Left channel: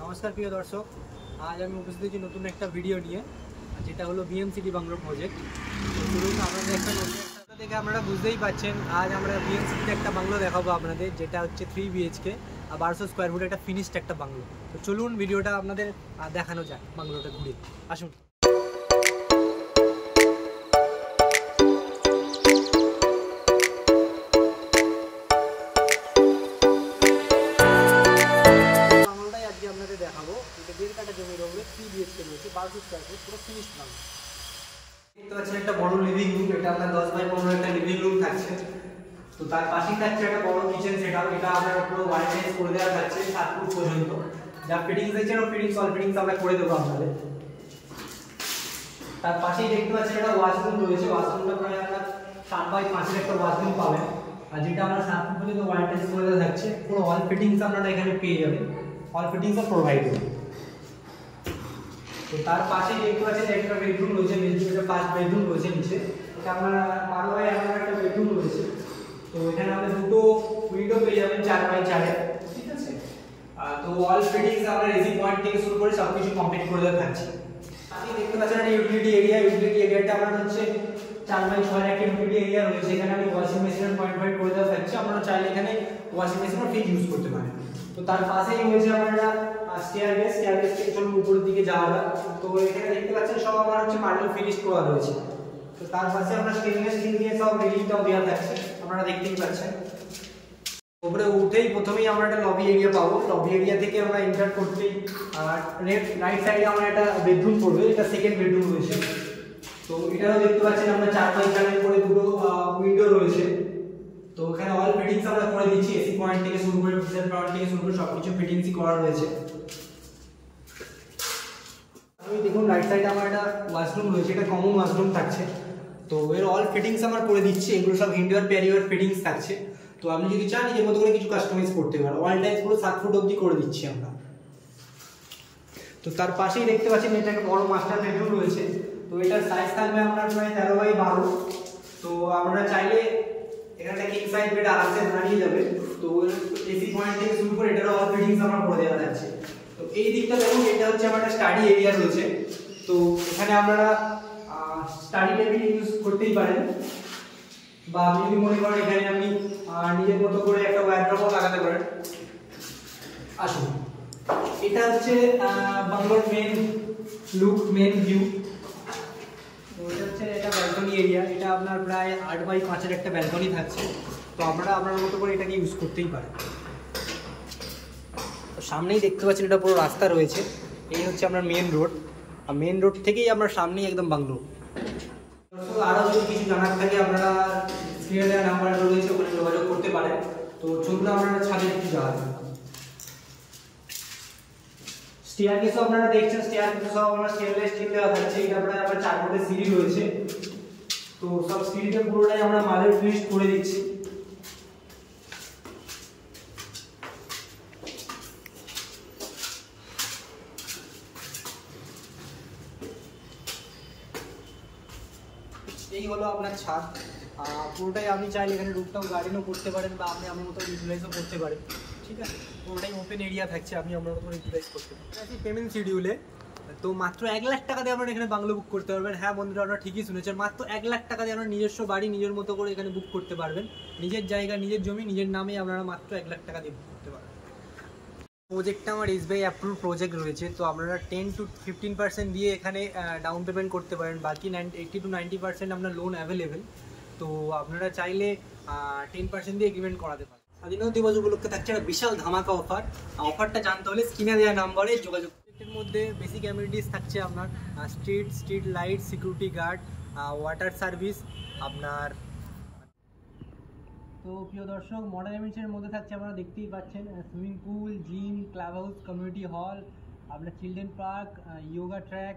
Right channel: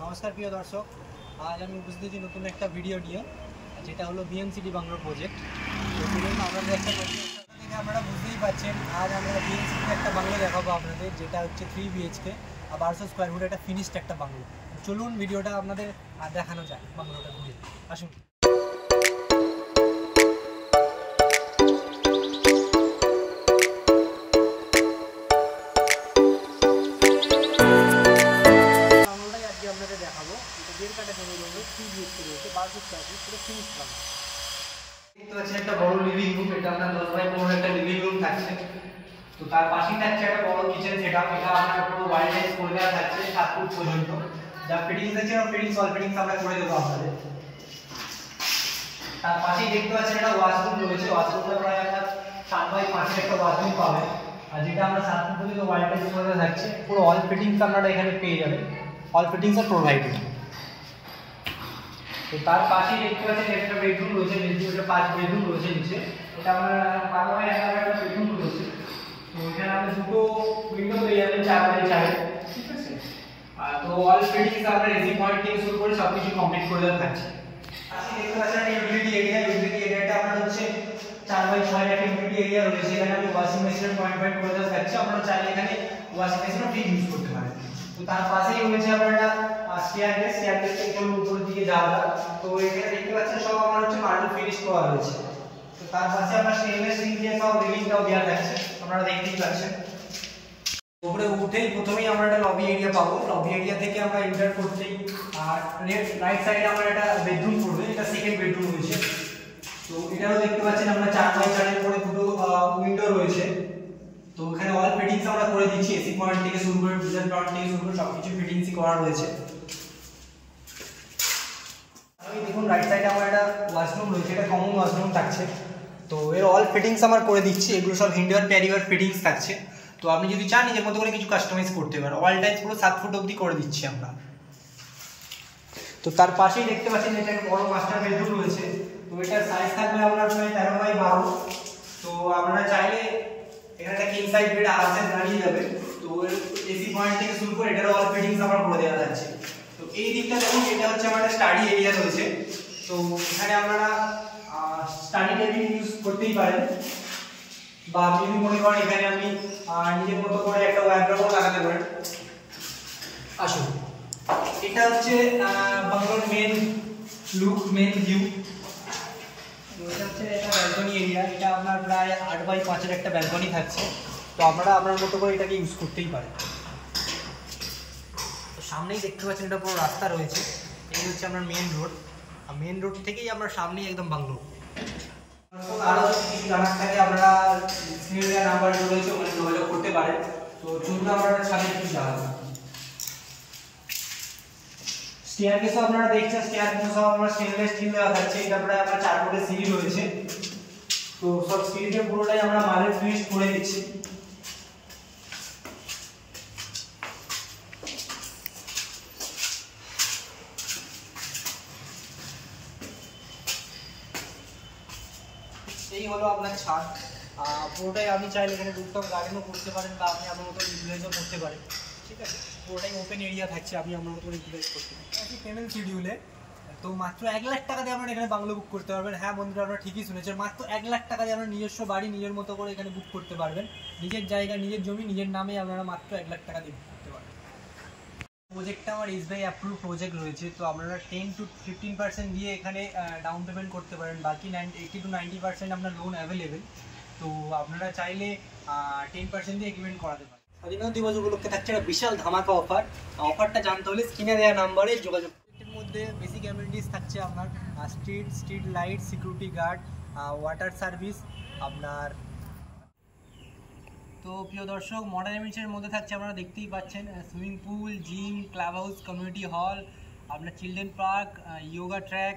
नमस्कार प्रिय दर्शक, आज हमें उपस्थित नतून एक भिडियो निये जेटा hello BM city Bangalore project. तो चलुन आपनादेर एक नतून देखे आपनारा बुझतेई पारछेन आज आमरा बीएम सिटी एक बांगलो देखाबो आपनादेर जेटा होच्छे 3 BHK और 1200 स्क्वायर फुट एक फिनिश्ड एक बांगलो। तो चलुन भिडियोटा आपनादेर देखानो जाक बांगलोटा घुरे आसुन। লিভিং রুম এটা আপনার 10 বাই 15 একটা লিভিং রুম থাকছে। তো তার পাশেই থাকছে একটা বড় কিচেন সেটআপ, এটা আমরা পুরো ওয়্যারলেস করে দেওয়া থাকছে 7 ফুট পর্যন্ত। যা ফিটিংস আছে আর ফিটিংস অল ফিটিংস আমরা করে দেব আপনাদের। তার পাশেই দেখতে পাচ্ছেন একটা ওয়াশরুম রয়েছে, ওয়াশরুমটা প্রায় আপনার 7 বাই 5 এর একটা ওয়াশরুম পাবেন। আর যেটা আমরা 7 ফুট পর্যন্ত ওয়্যারলেস করে দেওয়া থাকছে, পুরো অল ফিটিংস আপনারা এখানে পেয়ে যাবেন, অল ফিটিংস আর প্রোভাইডেড। तो तार पाशे देखते पाচ্ছেন একটা বেডরুম রয়েছে, বেডরুমে 5 বেডরুম রয়েছে নিচে। এটা আমরা 12 বাই 11 একটা বেডরুম রয়েছে। তো এখানে আমরা দুটো উইন্ডো পেয়ে যাবেন 4 বাই 4 এর, ঠিক আছে। তো অল ফিটিংস আমরা এসি পয়েন্ট থেকে শুরু করে সবকিছু কমপ্লিট করে দেওয়া থাকছে। আপনি দেখতে পাচ্ছেন একটা ইউটিলিটি এরিয়াটা আমরা হচ্ছে 4 বাই 6 এর একটা ইউটিলিটি এরিয়া রয়েছে। এখানে আমি ওয়াশিং মেশিনের পয়েন্ট করে দেওয়া থাকছে, আপনারা চাইলে এখানে ওয়াশিং মেশিনও ঠিক ইউজ করতে পারেন। তো তার পাশেই রয়েছে আপনারা স্টেয়ারকেস থেকে চলুন উপরের দিকে যাওয়া। তো এখানে দেখতে পাচ্ছেন সব আমার হচ্ছে মার্বেল ফিনিশ করা রয়েছে। তো তার পাশে আমরা স্টেনলেস স্টিল দিয়ে সব রেলিংটাও দেওয়া থাকছে, আপনারা দেখতেই পাচ্ছেন। উপরে উঠেই প্রথমেই আমরা একটা লবি এরিয়া পাবো। লবি এরিয়া থেকে আমরা এন্টার করতেই আর রাইট সাইডে আমরা একটা বেডরুম পড়বে, এটা সেকেন্ড বেডরুম রয়েছে। তো এটাও দেখতে পাচ্ছেন আমরা 4 বাই 4 এর করে দুটো উইন্ডো রয়েছে। তো এখানে অল ফিটিংস আমরা করে দিচ্ছি, এসি পয়েন্ট থেকে শুরু করে গিজার পয়েন্ট থেকে শুরু করে সবকিছু ফিটিংসই করা রয়েছে। আমি দেখুন রাইট সাইডে আমার একটা ওয়াশরুম রয়েছে, এটা কমন ওয়াশরুম থাকছে। তো এর অল ফিটিংস আমরা করে দিচ্ছি, এগুলো সব ইনডোর প্যারিওর ফিটিংস থাকছে। তো আপনি যদি চান নিজের মতো করে কিছু কাস্টমাইজ করতে পারেন, অল টাইপস পুরো 7 ফুট অবধি করে দিচ্ছি আমরা। তো তার পাশেই দেখতে পাচ্ছেন এটা একটা বড় মাস্টার বেডরুম রয়েছে। তো এটার সাইজ থাকবে আপনার প্রায় 13 বাই 12। তো আপনারা চাইলে এখানে একটা কিং সাইজ বেড আরামসে বানিয়ে যাবে। তো এসি পয়েন্ট থেকে শুরু করে এটার অল ফিটিংস আমরা করে দেওয়া যাচ্ছে। তো এই দিকটা দেখুন, এটা হচ্ছে আমাদের স্টাডি এরিয়া রয়েছে। তো এখানে আপনারা স্টাডি টেবিল ইউজ করতেই পারেন, বা আপনি যদি মনে করেন এখানে আপনি নিজের মতো করে একটা ওয়্যারড্রপও লাগাতে পারেন। আসুন, এটা হচ্ছে বাংলোর মেন লুক, মেন ভিউ। তো এটা হচ্ছে এটা ব্যালকনি এরিয়া, এটা আপনার প্রায় 8 বাই 5 এর একটা ব্যালকনি থাকছে। তো আপনারা আপনার মতো করে এটাকে ইউজ করতেই পারেন। তো সামনেই দেখতে পাচ্ছেন এটা পুরো রাস্তা রয়েছে, এই হচ্ছে আপনার মেন রোড। আর মেন রোড থেকেই আপনার সামনেই একদম বাংলো। আরও যদি কিছু জানার থাকে আপনারা স্ক্রিনে দেওয়া নাম্বার রয়েছে, ওখানে যোগাযোগ করতে পারেন। তো চলুন আমরা ছাদে একটু যাওয়া যাক। স্টেয়ারকেসও আপনারা দেখছেন, স্টেয়ারকেসও সব আমরা স্টেনলেস স্টিল দেওয়া থাকছে। এটা প্রায় আমার 4 ফুটের সিঁড়ি রয়েছে। তো সব সিঁড়িটা পুরোটাই আমরা মার্বেল ফিনিশ করে দিচ্ছি। এই হলো আপনার ছাদ। পুরোটাই আপনি চাইলে এখানে রুফটপ গার্ডেনও করতে পারেন, বা আপনি আপনার মতো ইউটিলাইজও করতে পারেন, ঠিক আছে। পুরোটাই ওপেন এরিয়া থাকছে, আপনি আপনার মতো ইউটিলাইজ করতে পারেন। একই পেমেন্ট শিডিউলে। তো মাত্র 1 লাখ টাকা দিয়ে আপনারা এখানে বাংলো বুক করতে পারবেন। হ্যাঁ বন্ধুরা, আপনারা ঠিকই শুনেছেন, মাত্র 1 লাখ টাকা দিয়ে আপনারা নিজস্ব বাড়ি নিজের মতো করে এখানে বুক করতে পারবেন। নিজের জায়গা, নিজের জমি, নিজের নামে আপনারা মাত্র 1 লাখ টাকা দিয়ে বুক করতে পারবেন। প্রজেক্টটা আমার SBI অ্যাপ্রুভ প্রজেক্ট রয়েছে। তো আপনারা 10 to 15% দিয়ে এখানে ডাউন পেমেন্ট করতে পারেন, বাকি 80 to 90% আপনার লোন অ্যাভেলেবেল। তো আপনারা চাইলে 10% দিয়ে এগ্রিমেন্ট করাতে পারেন। স্বাধীনতা দিবস উপলক্ষে থাকছে একটা বিশাল ধামাকা অফার। অফারটা জানতে হলে স্ক্রিনে দেওয়া নাম্বারে যোগাযোগ। এর মধ্যে বেসিক অ্যামিনিটিস থাকছে আপনার street light, security guard, water service আপনার। তো প্রিয় দর্শক, মডার্ন অ্যামিনিটিসের মধ্যে থাকছে আপনারা দেখতেই পাচ্ছেন swimming pool, gym, club house, community hall, আপনার চিলড্রেন পার্ক, ইয়োগা ট্র্যাক,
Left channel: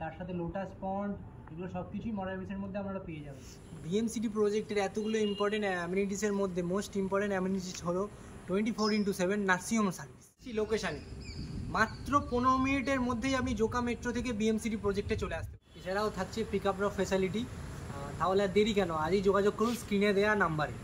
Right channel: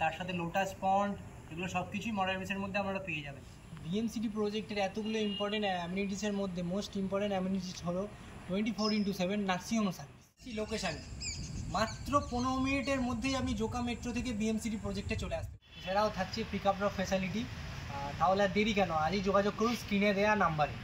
তার সাথে লোটাস পন্ড, এগুলো সব কিছুই মডার্ন অ্যামিনিটিসের মধ্যে আপনারা পেয়ে যাবেন। বিএমসিটি প্রজেক্টের এতগুলো ইম্পর্টেন্ট অ্যামিনিটিসের মধ্যে মোস্ট ইম্পর্টেন্ট অ্যামিনিটিস হলো 24/7 নার্সিং হোম সার্ভিস। লোকেশানে মাত্র 15 মিনিটের মধ্যেই আপনি জোকা মেট্রো থেকে বিএমসিটি প্রজেক্টে চলে আসতে পারেন। এছাড়াও থাকছে পিক আপ ড্রপ ফ্যাসিলিটি। তাহলে আর দেরি কেন, আজই যোগাযোগ করুন স্ক্রিনে দেওয়া নাম্বারে।